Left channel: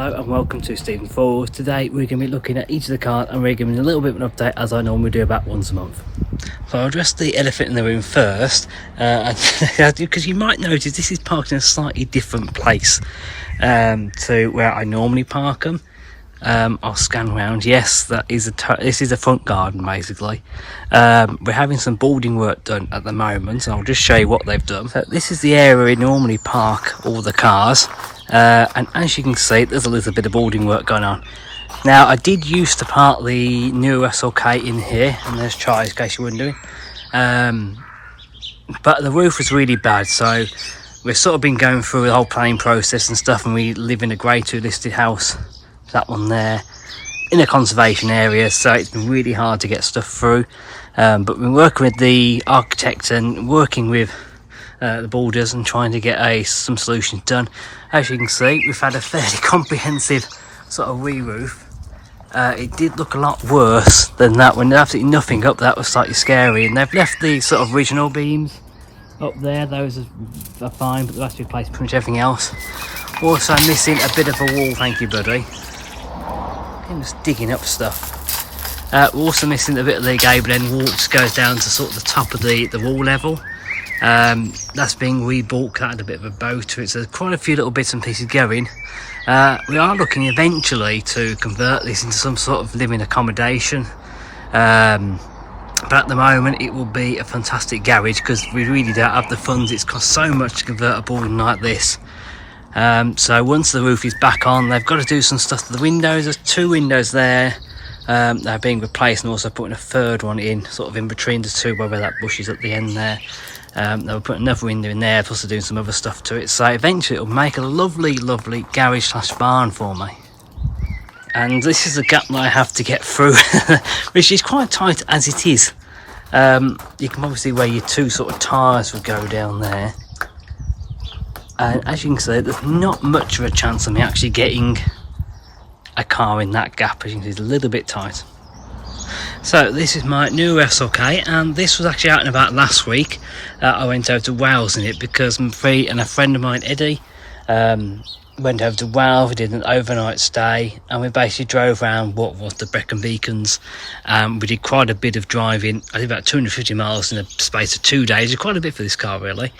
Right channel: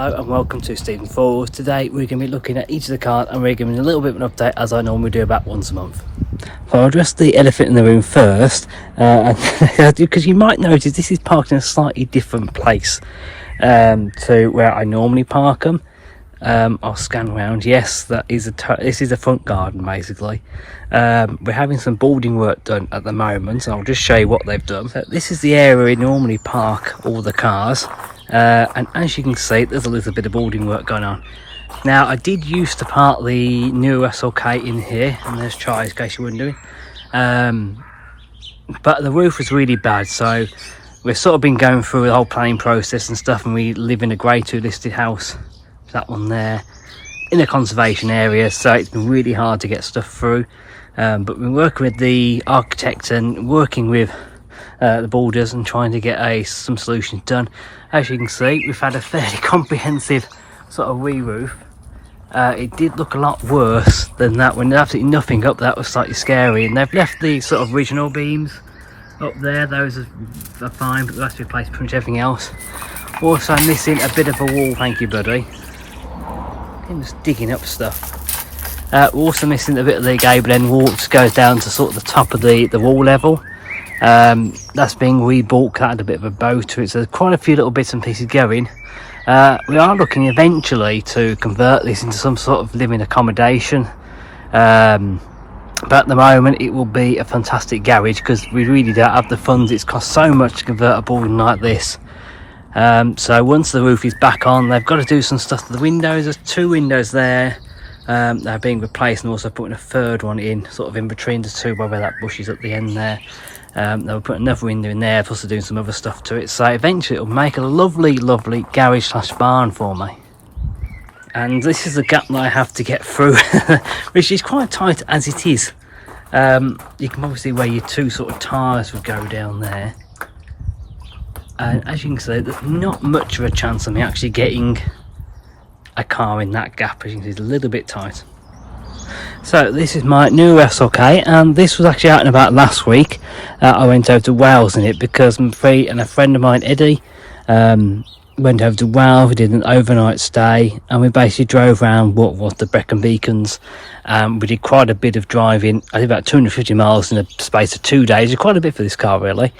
Hello and welcome to Stephen Falls. Today we're going to be looking at each of the cars and we're giving a little bit of an update as I normally do about once a month. So I'll address the elephant in the room first, because you might notice this is parked in a slightly different place to where I normally park them. I'll scan around. Yes, this is a front garden basically. We're having some boarding work done at the moment, so I'll just show you what they've done. So this is the area we normally park all the cars, and as you can see there's a little bit of boarding work going on. Now I did used to park the new SLK in here, and there's Charlie in case you're wondering, but the roof was really bad, so we've sort of been going through the whole planning process and stuff, and we live in a grade 2 listed house, that one there, in a conservation area, so it's been really hard to get stuff through, but we've been working with the architect and working with the builders and trying to get some solutions done. As you can see, we've had a fairly comprehensive sort of re-roof. It did look a lot worse than that when there's absolutely nothing up. That was slightly scary, and they've left the sort of original beams up there. Those are fine, but they'll have to replace pretty much everything else. Also missing a bit of a wall, thank you buddy. I'm just digging up stuff. We're also missing a bit of the gable end wall, which goes down to sort of the top of the wall level. That's being rebuilt. That had a bit of a bow to it, so there's quite a few little bits and pieces going. We are looking eventually to convert this into some sort of living accommodation, but at the moment it will be a fantastic garage because we really don't have the funds. It's cost so much to convert a building like this. So once the roof is back on, they've got to do some stuff to the windows. There's 2 windows there, they're being replaced, and also putting a third one in, sort of in between the 2 where that bush is at the end there. They were putting another window in there, plus they're doing some other stuff to it, so eventually it'll make a lovely garage slash barn for me. And this is the gap that I have to get through, which is quite tight as it is. You can obviously where your 2 sort of tyres will go down there, and as you can see there's not much of a chance of me actually getting a car in that gap. As you can see, it's a little bit tight. So this is my new SLK, and this was actually out and about last week. I went over to Wales in it because I'm free, and a friend of mine, Eddie, went over to Wales. We did an overnight stay, and we basically drove around what was the Brecon Beacons. We did quite a bit of driving. I did about 250 miles in the space of 2 days. It's quite a bit for this car, really.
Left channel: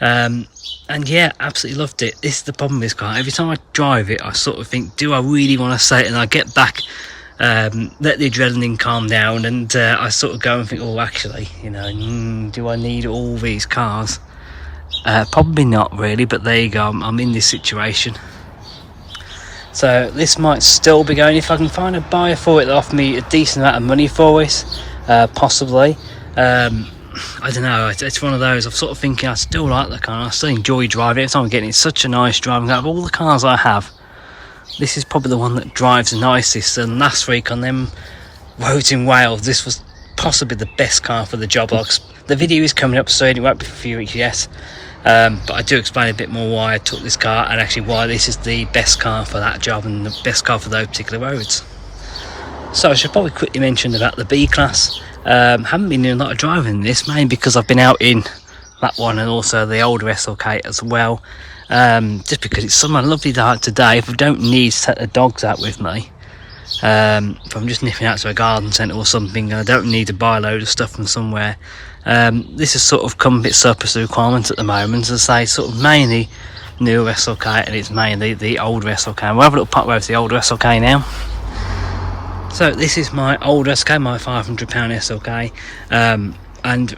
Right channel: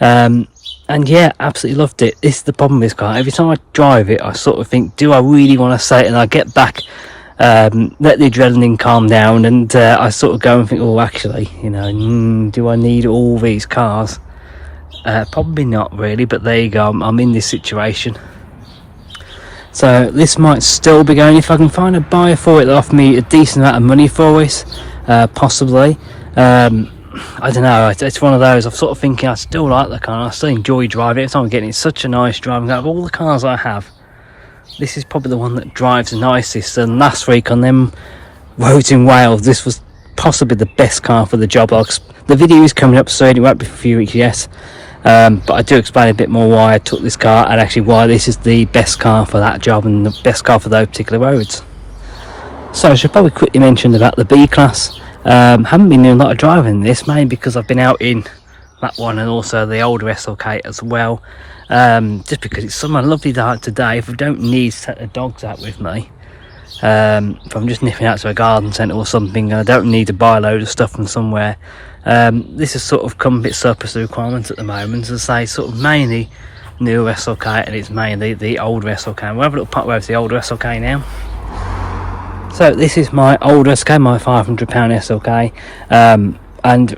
And yeah, absolutely loved it. This is the problem with this car. Every time I drive it, I sort of think, do I really want to stay? And I get back, let the adrenaline calm down, and I sort of go and think, oh actually, you know, do I need all these cars? Probably not really, but there you go, I'm in this situation. So this might still be going if I can find a buyer for it that offer me a decent amount of money for it, possibly. I don't know, it's one of those, I'm sort of thinking I still like the car, I still enjoy driving it. Every time I'm getting, it's such a nice driving car. Of all the cars I have, this is probably the one that drives the nicest, and last week on them roads in Wales, this was possibly the best car for the job. The video is coming up soon, it won't be for a few weeks, yes, but I do explain a bit more why I took this car, and actually why this is the best car for that job and the best car for those particular roads. So I should probably quickly mention about the B-Class. Haven't been doing a lot of driving in this, mainly because I've been out in that one and also the older SLK as well. Just because it's somewhere lovely dark today. If I don't need to take the dogs out with me, if I'm just nipping out to a garden centre or something, I don't need to buy a load of stuff from somewhere. This has sort of come a bit surplus to requirements at the moment, as I say, sort of mainly new SLK, and it's mainly the older SLK. We'll have a little pop over to the older SLK now. So this is my older SLK, my £500 SLK, and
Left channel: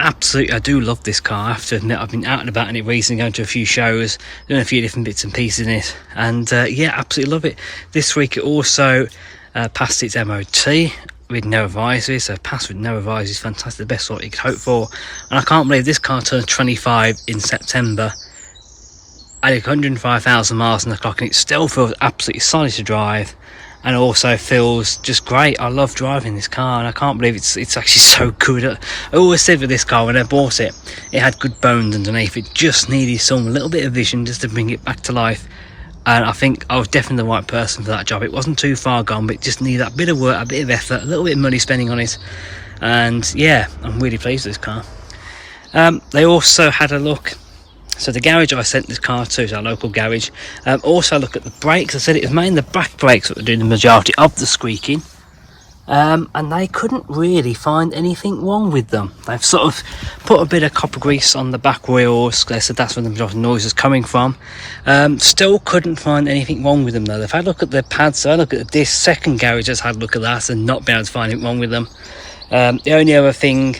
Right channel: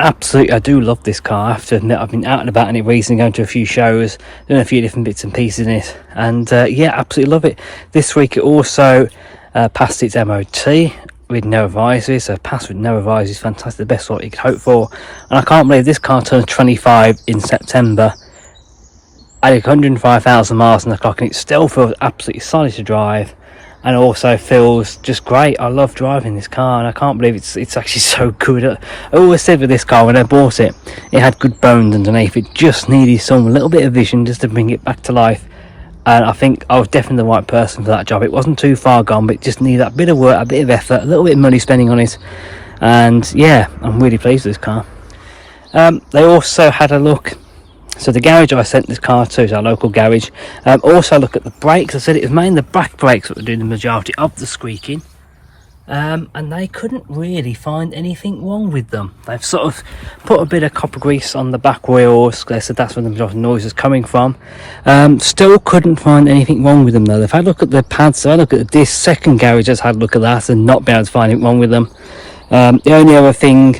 absolutely I do love this car. I have to admit, I've been out and about in it recently, going to a few shows, doing a few different bits and pieces in it, and yeah, absolutely love it. This week it also passed its MOT with no advisory, so passed with no advisory is fantastic, the best sort you could hope for. And I can't believe this car turned 25 in September, added 105,000 miles on the clock, and it still feels absolutely solid to drive. And also feels just great. I love driving this car, and I can't believe it's actually so good. I always said with this car when I bought it, it had good bones underneath. It just needed some little bit of vision just to bring it back to life. And I think I was definitely the right person for that job. It wasn't too far gone, but it just needed that bit of work, a bit of effort, a little bit of money spending on it. And yeah, I'm really pleased with this car. They also had a look So the garage I sent this car to is our local garage. Also look at the brakes. I said it was mainly the back brakes that were doing the majority of the squeaking. And they couldn't really find anything wrong with them. They've sort of put a bit of copper grease on the back wheels. They said that's where the majority of the noise is coming from. Still couldn't find anything wrong with them though. They've had a look at the pads, they've had a look at this second garage has had a look at that and not been able to find anything wrong with them. The only other thing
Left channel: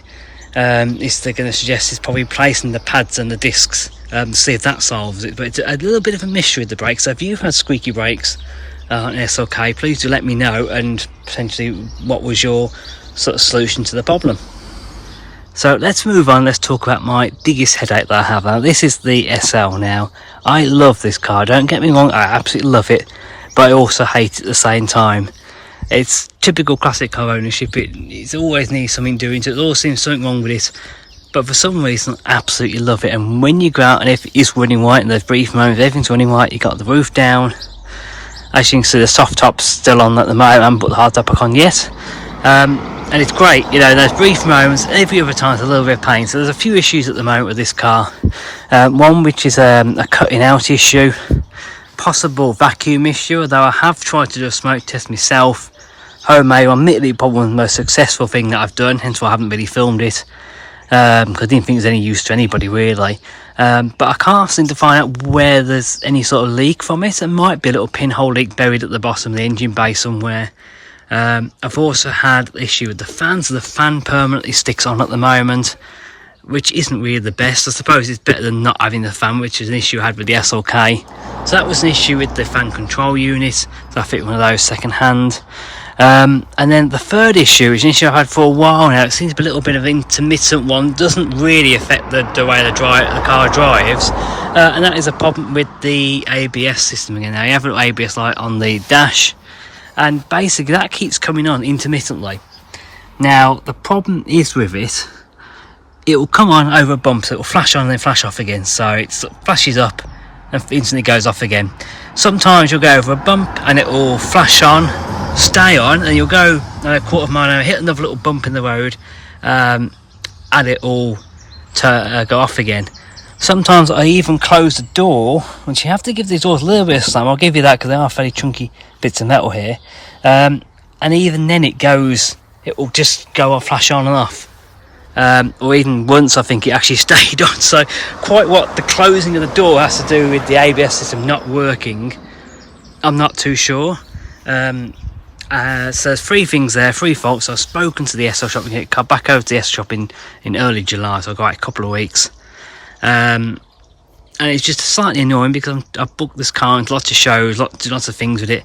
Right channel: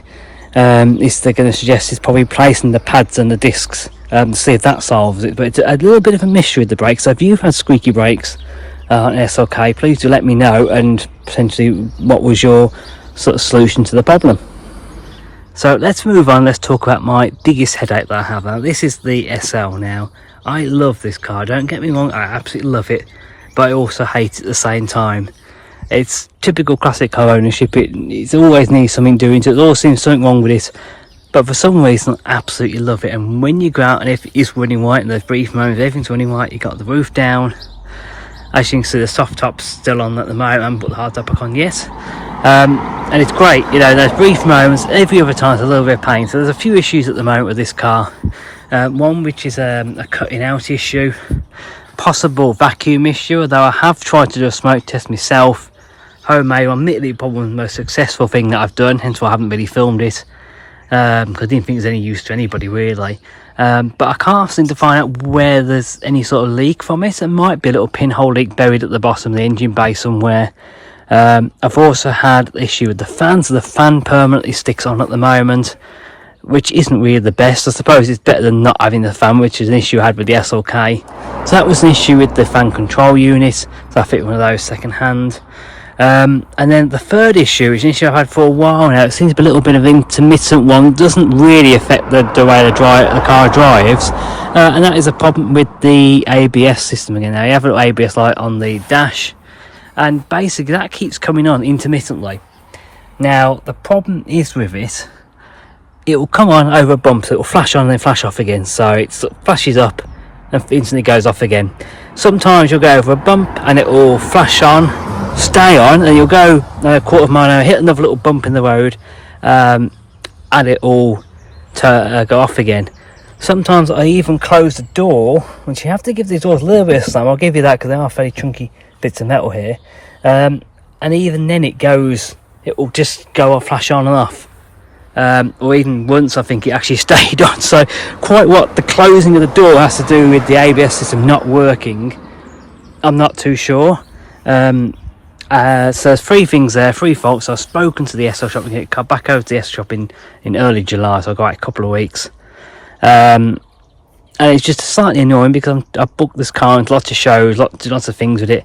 is they're going to suggest is probably placing the pads and the discs to see if that solves it. But it's a little bit of a mystery with the brakes. So if you've had squeaky brakes on SLK, please do let me know, and potentially what was your sort of solution to the problem. So let's move on. Let's talk about my biggest headache that I have. Now this is the SL. Now I love this car, don't get me wrong, I absolutely love it, but I also hate it at the same time. It's typical classic car ownership. It always needs something doing to it. There always seems something wrong with it, but for some reason I absolutely love it. And when you go out and if it is running right and there's brief moments everything's running right, you got the roof down. As you can see, the soft top's still on at the moment. I haven't put the hard top back on yet. And it's great, you know, those brief moments. Every other time it's a little bit of pain. So there's a few issues at the moment with this car. One which is a cutting out issue, possible vacuum issue, although I have tried to do a smoke test myself. Homemade, admittedly probably the most successful thing that I've done, hence why I haven't really filmed it. Because I didn't think it was any use to anybody really. But I can't seem to find out where there's any sort of leak from it. There might be a little pinhole leak buried at the bottom of the engine bay somewhere. I've also had the issue with the fan, so the fan permanently sticks on at the moment, which isn't really the best. I suppose it's better than not having the fan, which is an issue I had with the SLK. So that was an issue with the fan control unit, so I fit one of those second hand. And then the third issue is an issue I've had for a while now. It seems to be a little bit of an intermittent one. It doesn't really affect the way the car drives, and that is a problem with the ABS system again. Now you have an ABS light on the dash, and basically that keeps coming on intermittently. Now the problem is with it, it will come on over bumps, it will flash on and then flash off again. So it sort of flashes up and instantly goes off again. Sometimes you'll go over a bump and it will flash on, stay on, and you'll go a quarter of a mile an hour, hit another little bump in the road, and it will go off again. Sometimes I even close the door, which you have to give these doors a little bit of slam. I'll give you that because they are fairly chunky bits of metal here. And even then it will just go off, flash on and off. Or even once I think it actually stayed on. So quite what the closing of the door has to do with the ABS system not working, I'm not too sure. So there's three things there, three faults. I've spoken to the SL shop. We can get back over to the SL shop in early July, so I've got a couple of weeks. And it's just slightly annoying because I've booked this car into lots of shows, lots of things with it,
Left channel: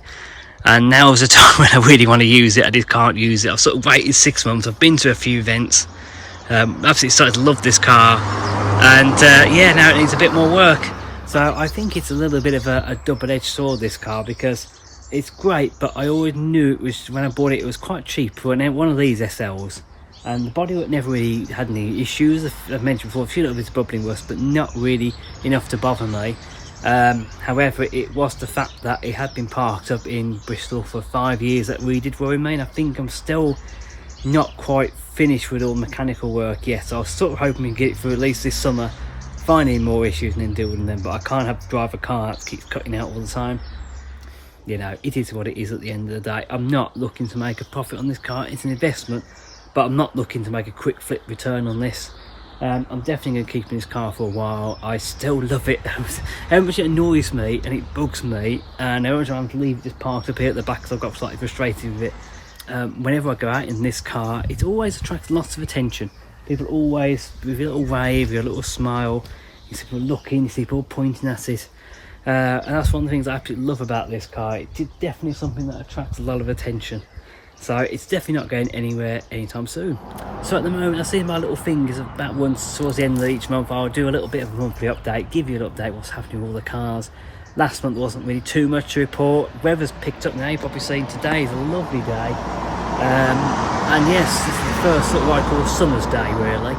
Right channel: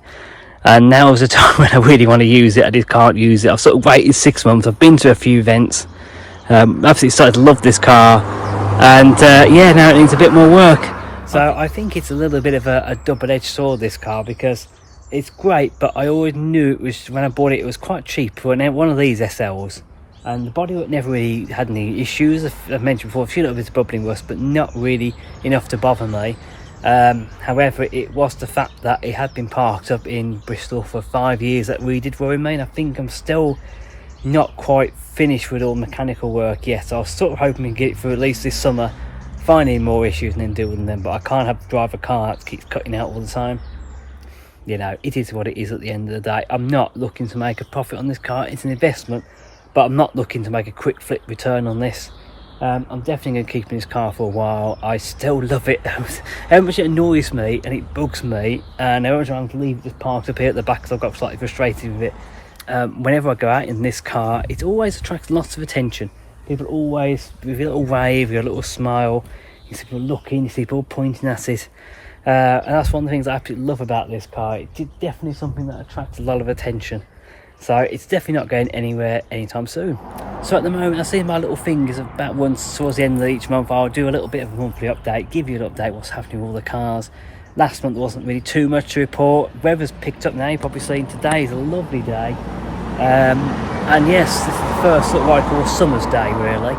and now is the time when I really want to use it. I just can't use it. I've sort of waited 6 months. I've been to a few events, absolutely started to love this car, and yeah, now it needs a bit more work. So I think it's a little bit of a double-edged sword, this car, because it's great, but I always knew it was, when I bought it was quite cheap for one of these SLs, and the bodywork never really had any issues. I've mentioned before, a few little bits of bubbling rust, but not really enough to bother me. However, it was the fact that it had been parked up in Bristol for 5 years that really did worry me, and I think I'm still not quite finished with all mechanical work yet. So I was sort of hoping to get it through at least this summer, finding more issues and then deal with them, but I can't drive a car that keeps cutting out all the time. You know, it is what it is at the end of the day. I'm not looking to make a profit on this car. It's an investment, but I'm not looking to make a quick flip return on this. I'm definitely going to keep in this car for a while. I still love it. How much it annoys me and it bugs me, and how much I have to leave it just parked up here at the back because I've got slightly frustrated with it. Whenever I go out in this car, it always attracts lots of attention. People always, with a little wave, with a little smile, you see people looking, you see people pointing at it. And that's one of the things I absolutely love about this car. It's definitely something that attracts a lot of attention. So it's definitely not going anywhere anytime soon. So at the moment, I see my little fingers about once towards the end of each month, I'll do a little bit of a monthly update, give you an update what's happening with all the cars. Last month there wasn't really too much to report. Weather's picked up now. You've probably seen today is a lovely day. And yes, this is the first sort of what I call a summer's day, really.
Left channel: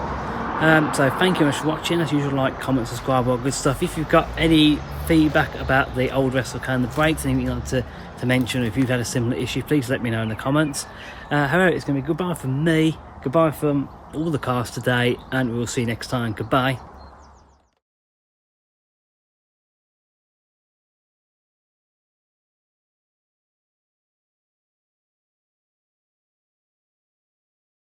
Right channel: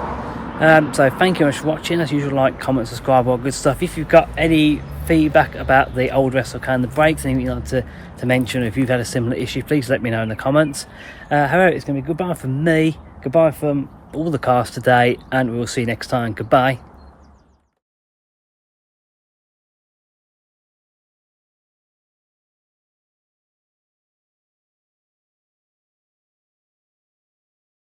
So thank you very much for watching. As usual, like, comment, subscribe, all good stuff. If you've got any feedback about the old SLK and the brakes, anything you'd like to mention, or if you've had a similar issue, please let me know in the comments. However, it's going to be goodbye from me, goodbye from all the cars today, and we'll see you next time. Goodbye.